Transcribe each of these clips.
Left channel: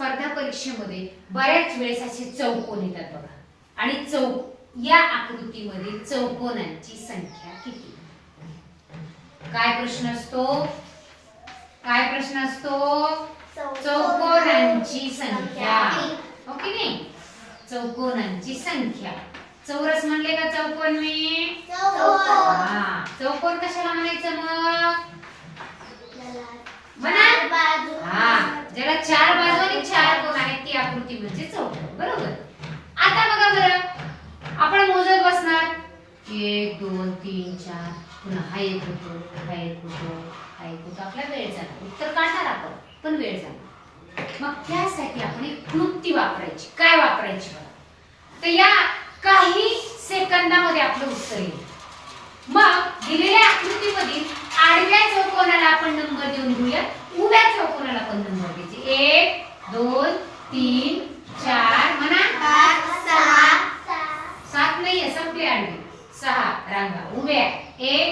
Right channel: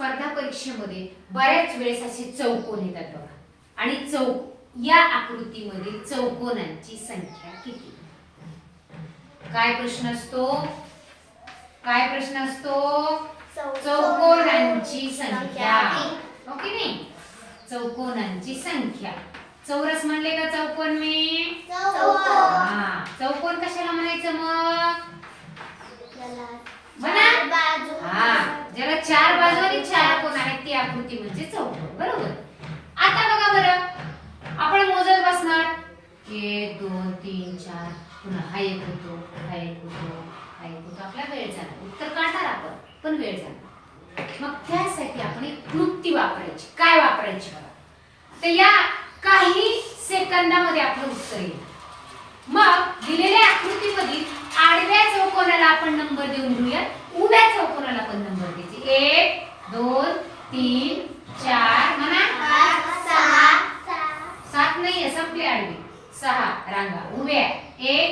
स्पर्धा परीक्षेमध्ये बऱ्याच वेळेस असे चौकोन येतात बघा, आणि या आकृतीमधील चौकोनांची संख्या किती? काय प्रश्न असतो? काय प्रश्न असतो? चौकोनांची संख्या. ओके नाही, चौकोनांची संख्या. चौरस म्हणले का चौकोन मी? हा, चौकोन कशाला म्हणायचं मग? म्हणा. हा, ज्याला चार बाजू आणि चार कोण आहेत ती आकृती म्हणजे चौकोन. बरोबर. आता बघा बरं, आपण मोजत बसणार 1 2 3 4, पुन्हा हा एक होतो, हा एक होतो, हा एक होतो. आपला वेळ जाणार, उत्तर काढणार आपण, पण वेळ जाणार. मग त्यासाठी आपण एक क्लुप्ती वापरायची. काय वापरायची बघा? तर या काही सेकंदामध्ये आपलं उत्तर येईल. मग दिलेल्या आकृतीमधील आडव्या चौकोनाला आपण नंबर देऊन घेऊया, उभ्या चौकोनाला पण नंबर द्यायचे. 1 2 3 4 म्हणा. 7 नाहीये, संपले आडवे. 6 रांगा उभ्या. 1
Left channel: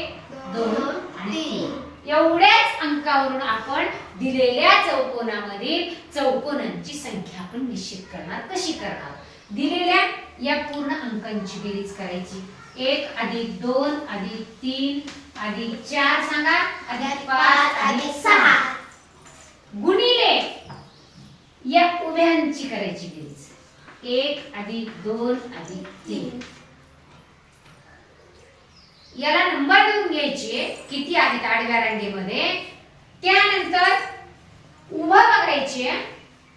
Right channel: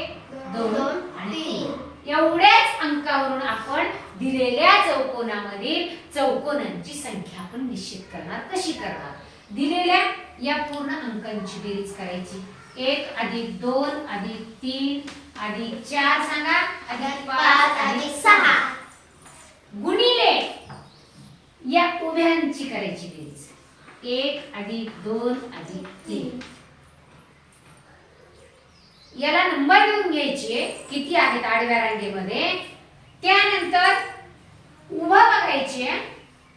2 आणि 3. एवढ्याच अंकावरून आपण दिलेल्या चौकोनामधील चौकोनांची संख्या आपण निश्चित करणार. कशी करणार? दिलेल्या या पूर्ण अंकांची बेरीज करायची. 1 + 2 + 3 + 4 सांगा, +5 + 6 गुणिले या उभ्यांची करायची बेरीज. 1 + 2 + 3. याला नंबर देऊन घ्यायचे किती आहेत आडव्या रांगेमध्ये. त्यानंतर उभा बघायचे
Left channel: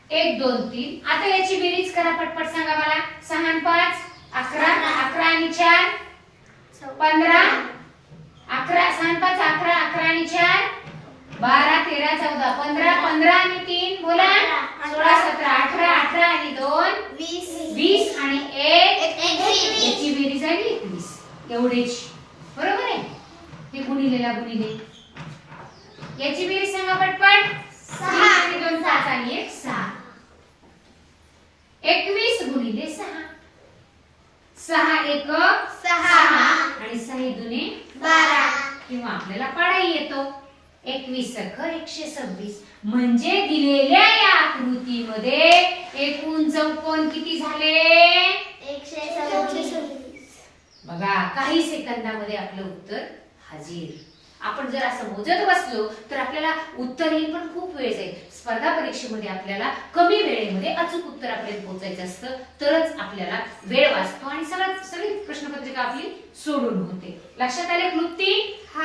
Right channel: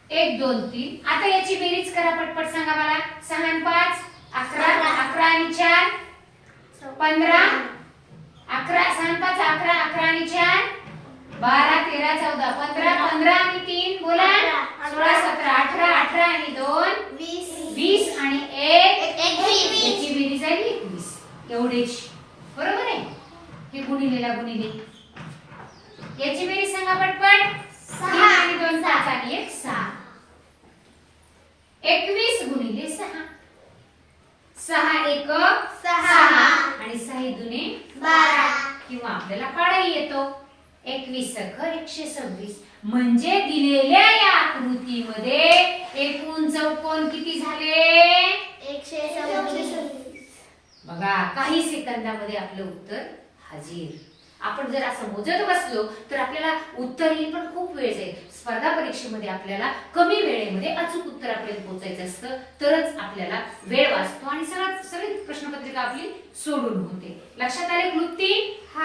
1 2 3. आता याची बेरीज करा पटपट, सांगा मला. 6 आणि 5 11, 11 आणि 4 15, 11 6 आणि 5 11, 11 आणि 4 12 13 14 15, 15 आणि 3 बोला 16 17 18, 18 आणि 2 20 आणि 1 याची बेरीज आली 21. एवढेच. बरोबर आहे. हे गुणिलेला गुणिले. याची बेरीज सांगा पटपट. 3 आणि 2 5 आणि 1 6. 21 गुणिले 6. 6 1 6 आणि 6 दुने 12. किंवा आपल्याला पाडाही येतो. 21 सख 126. म्हणजे दिलेल्या या आकृतीमध्ये एकूण चौकोन किती झाले? 126. बघा, काही सेकंदामध्ये आपलं उत्तर हाजीर. आपण जर असं मोजत बसलो तर आपल्याला उत्तर येईल, पण खूप वेळ जाईल. स्पर्धा परीक्षेमध्ये आपल्याला कमी वेळेमध्ये अचूक उत्तरापर्यंत पोहोचायचं असतं, तरच आपल्याला वेळ वाचतो आणि सगळी प्रश्नपत्रिका आपली सोडून होते. लक्षात आले क्लुप्ती?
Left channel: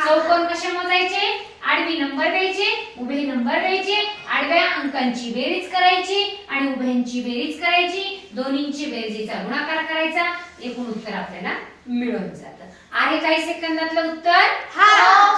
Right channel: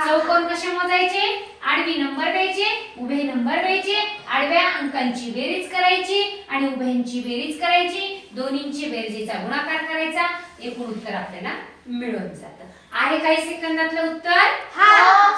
चौकोन कसे मोजायचे? आडवी नंबर द्यायचे, उभे नंबर द्यायचे, आडव्या अंकांची बेरीज करायची आणि उभ्यांची बेरीज करायची, दोन्हींची बेरजेचा गुणाकार करायचा. एकूण उत्तर आपल्याला मिळून जातं. आहे काही सेकंदातलं उत्तर? हा.